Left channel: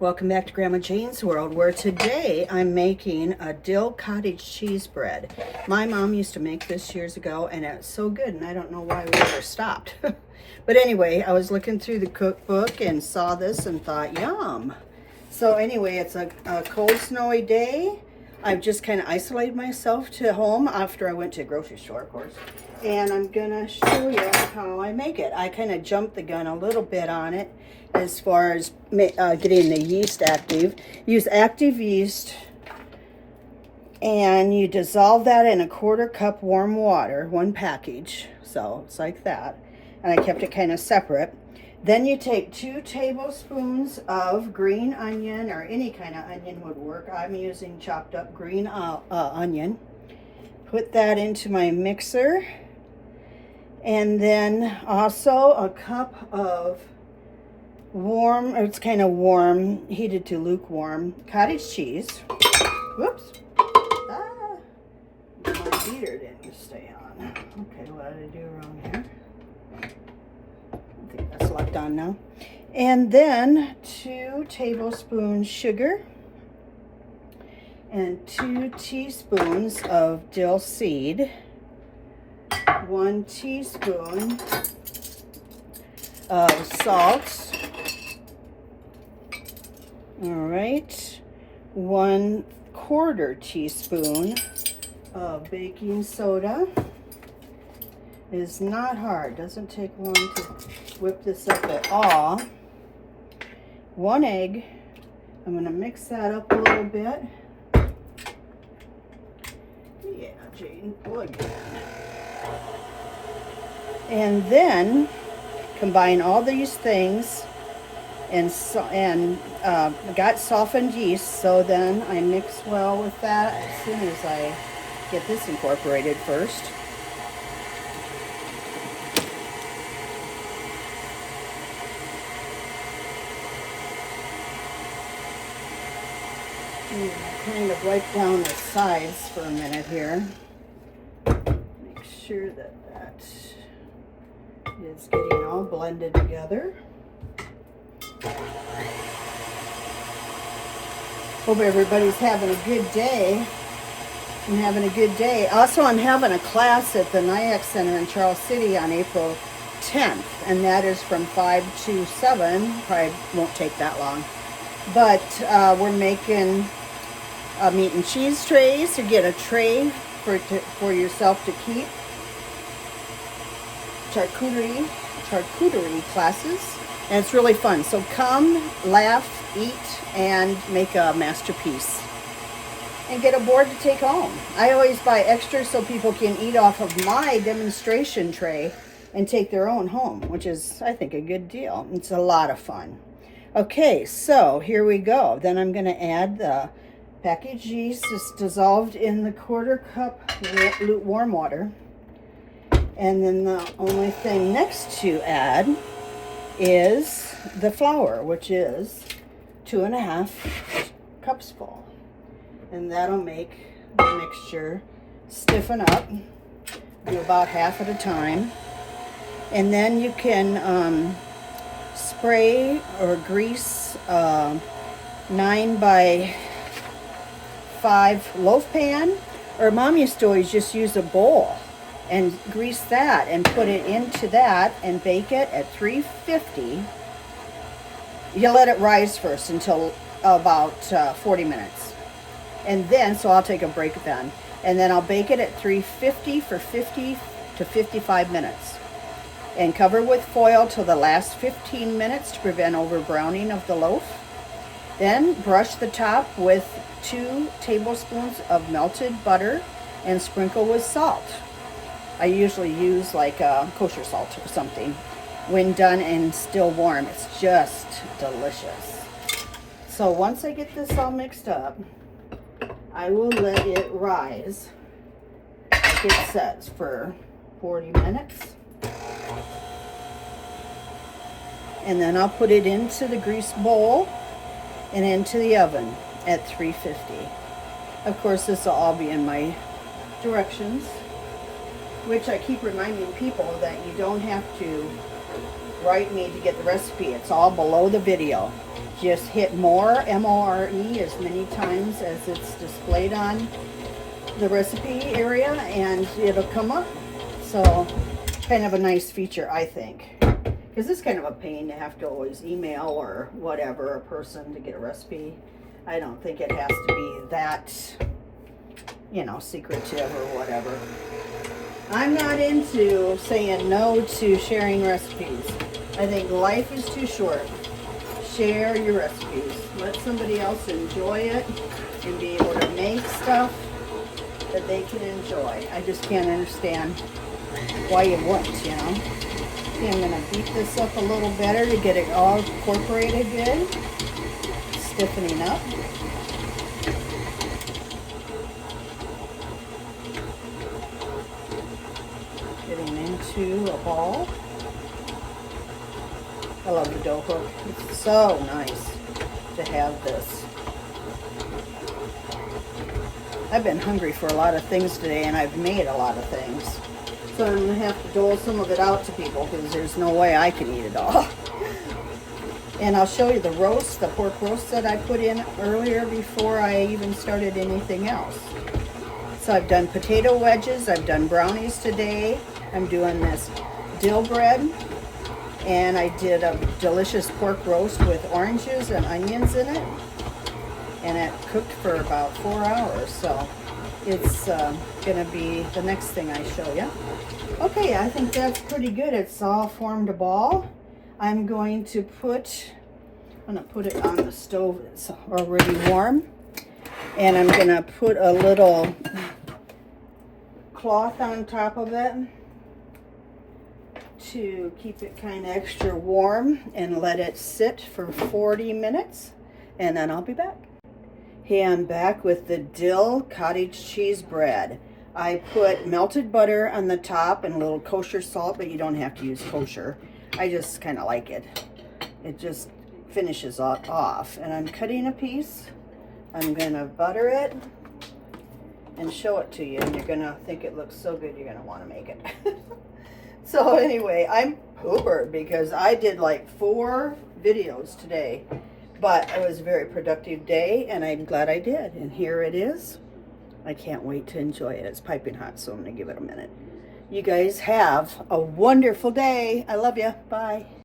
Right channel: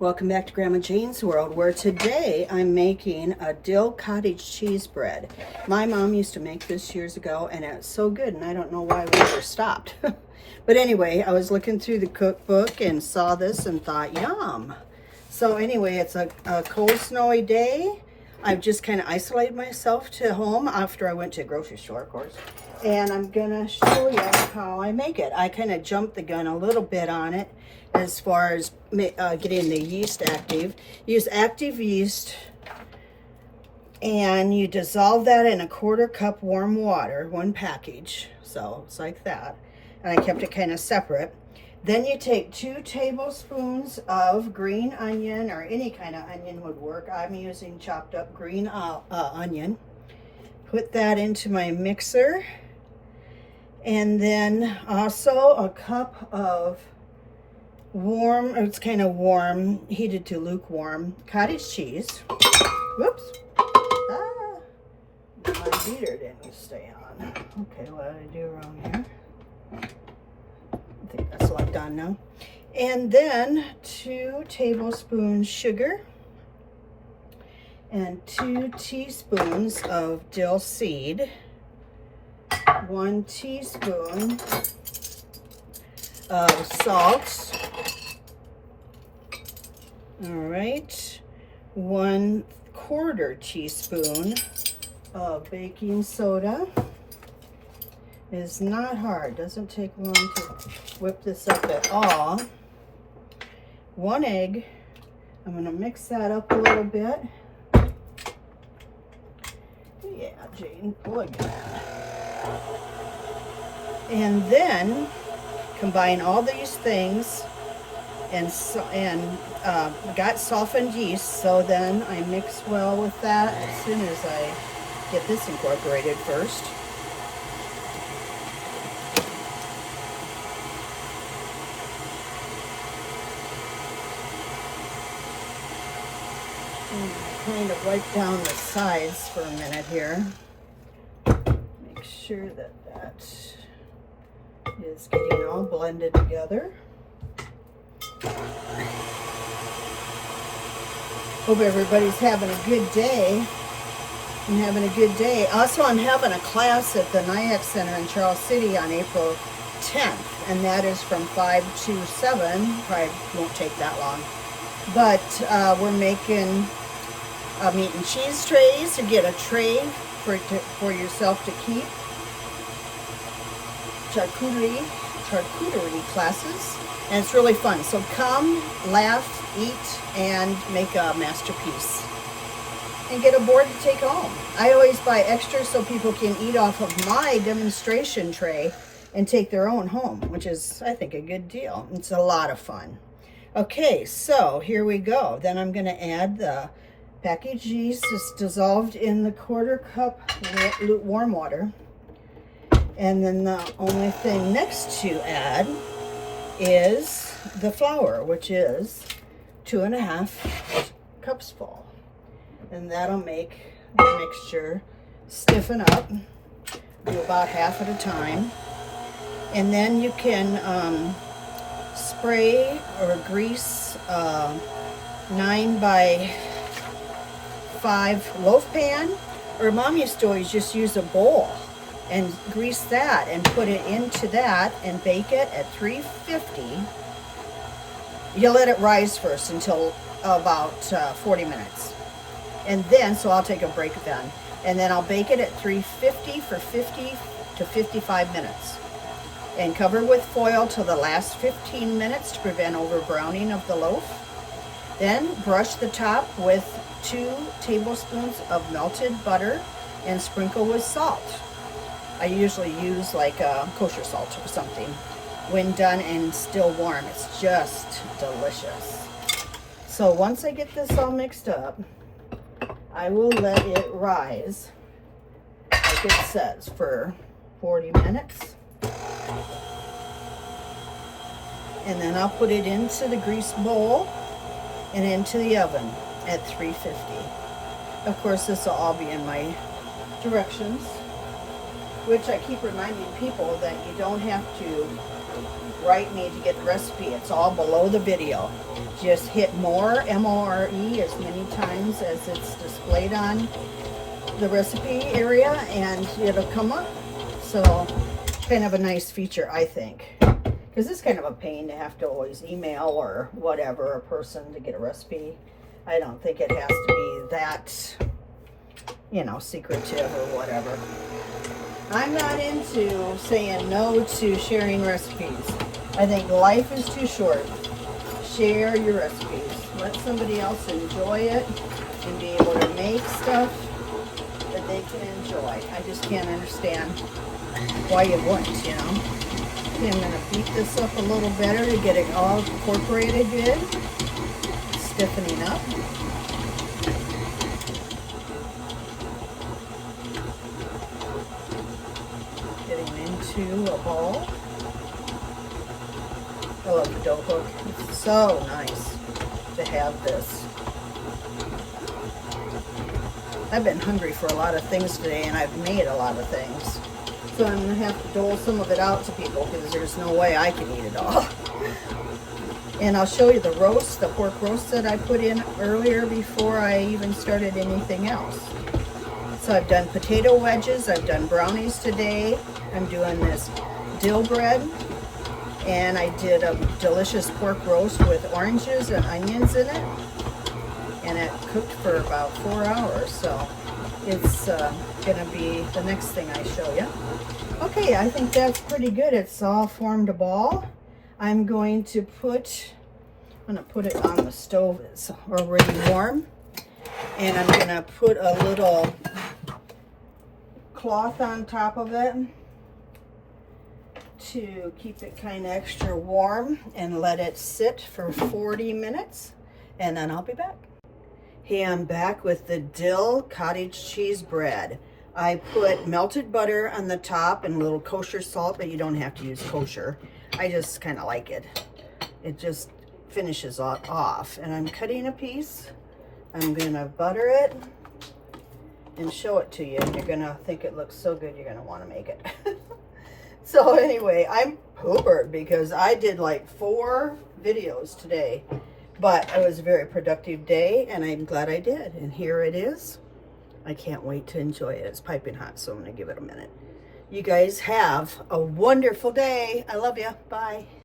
Welcome back to Grandma Jane's World, where today I'm making a Dill Cottage cheese bread. My mom used to make this years ago, and it's so good, and I don't know why we ever stopped. But anyway, I was looking through the cookbook and saw this and thought, yum. So anyway, it's a cold, snowy day. I've just kind of isolated myself to home after I went to a grocery store, of course. And I'm gonna show you how I make it. I kind of jumped the gun a little bit on it as far as getting the yeast active. Use active yeast, and you dissolve that in a 1/4 cup warm water, one package. So it's like that. And I kept it kind of separate. Then you take 2 tablespoons of green onion, or any kind of onion would work. I'm using chopped up green onion. Put that into my mixer. And then also a cup of warm, or it's kind of warm, heated to lukewarm cottage cheese. Whoops. My beater didn't stay on. Okay, what did I do wrong here? I think that's locked on now. And then 2 tablespoons sugar and 2 teaspoons of dill seed, 1 teaspoon of salt. All right, 1/4 teaspoon of baking soda. Is not hard, doesn't take long to whip this up at all. 1 egg. I'm going to mix that up a little bit. Yeah, Jane, look at that. And then combine all these things and got softened yeast, so then I mix well with that as soon as I get this incorporated first. Kind of wipe down the sides for a minute here. Make sure that that is getting all blended together. Hope everybody's having a good day. I'm having a good day. Also, I'm having a class at the NIAC Center in Charles City on April 10th, and that is from 5 to 7. Probably won't take that long. But we're making meat and cheese trays to get a tray for yourself to keep. Charcuterie classes, and it's really fun. So come, laugh, eat, and make a masterpiece. And get a board to take home. I always buy extra so people can eat off of my demonstration tray and take their own home, which is, I think, a good deal. It's a lot of fun. Okay, so here we go. Then I'm going to add the packaged yeast just dissolved in the 1/4 cup lukewarm water. And then the only thing next to add is the flour, which is 2.5 cups full. And that'll make the mixture stiffen up. Do about half at a time. And then you can spray or grease 9 by 5 loaf pan, or Mom used to always just use a bowl and grease that and put it into that and bake it at 350. You let it rise first until about 40 minutes. And then, so I'll take a break then. And then I'll bake it at 350 for 50 to 55 minutes. And cover with foil till the last 15 minutes to prevent over browning of the loaf. Then brush the top with 2 tablespoons of melted butter and sprinkle with salt. I usually use like kosher salt or something. When done and still warm, it's just delicious. So once I get this all mixed up, I will let it rise, like it says, for 40 minutes. And then I'll put it into the grease bowl and into the oven at 350. Of course, this will all be in my directions, which I keep reminding people that you don't have to write me to get the recipe. It's all below the video. Just hit more, M-O-R-E, as many times as it's displayed on the recipe area, and it'll come up. So kind of a nice feature, I think, because it's kind of a pain to have to always email or whatever a person to get a recipe. I don't think it has to be that, you know, secretive or whatever. I'm not into saying no to sharing recipes. I think life is too short. Share your recipes. Let somebody else enjoy it and be able to make stuff that they can enjoy. I just can't understand why you wouldn't, you know. Okay, I'm going to beat this up a little better to get it all incorporated good. Stiffening up. Getting into a ball. I love the dough hook. It's so nice to have this. I've been hungry for a lot of things today, and I've made a lot of things. So I'm going to have to dole some of it out to people because there's no way I can eat it all. And I'll show you the roast, the pork roast that I put in earlier before I even started anything else. So I've done potato wedges, I've done brownies today. I'm doing this dill bread. And I did a delicious pork roast with oranges and onions in it. And it cooked for about 4 hours. So it's gonna be the next thing I show you. Okay, I think that's pretty good. It's all formed a ball. I'm going to put it on the stove. It's already warm. And I'm gonna put a little cloth on top of it to keep it kind of extra warm and let it sit for 40 minutes, and then I'll be back. Hey, I'm back with the Dill Cottage cheese bread. I put melted butter on the top and a little kosher salt, but you don't have to use kosher. I just kind of like it. It just finishes off. And I'm cutting a piece. I'm gonna butter it and show it to you, and you're gonna think it looks so good you're gonna want to make it. So anyway, I'm poopered because I did like 4 videos today, but it was a very productive day, and I'm glad I did. And here it is. I can't wait to enjoy it. It's piping hot, so I'm going to give it a minute. You guys have a wonderful day. I love you. Bye.